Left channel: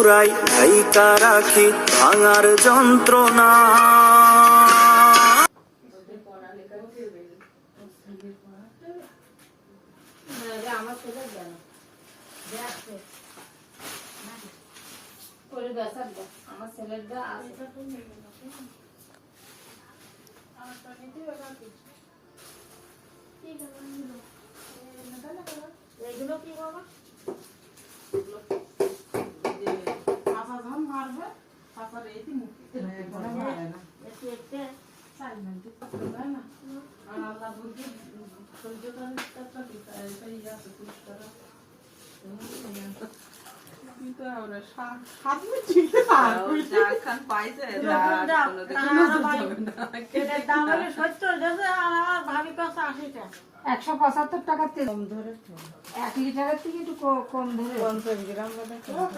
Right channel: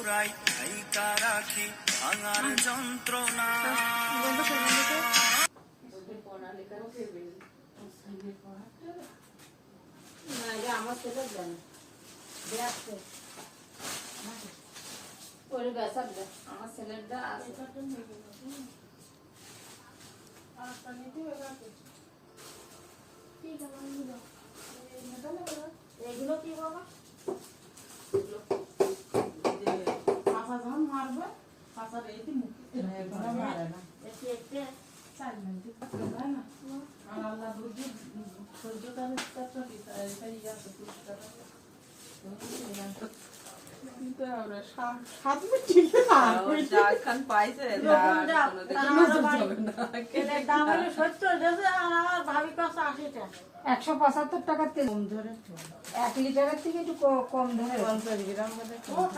পুরাই ঢাইকা রাখি ভাঙার যন্ত্রণা। আমার ছেলের দা এগুলো কি বাবা কাঁচা যখন মারবে কাঁচার এই মুখে মারে না একটু একটু চাল না আর আল্লাহ বুঝে সহ্যতা দিতে এটাই আছে পুষ্টারা $175 তেল কম ধরে 1 লিটারের থেকে একটু কম ধরে 50 গ্রাম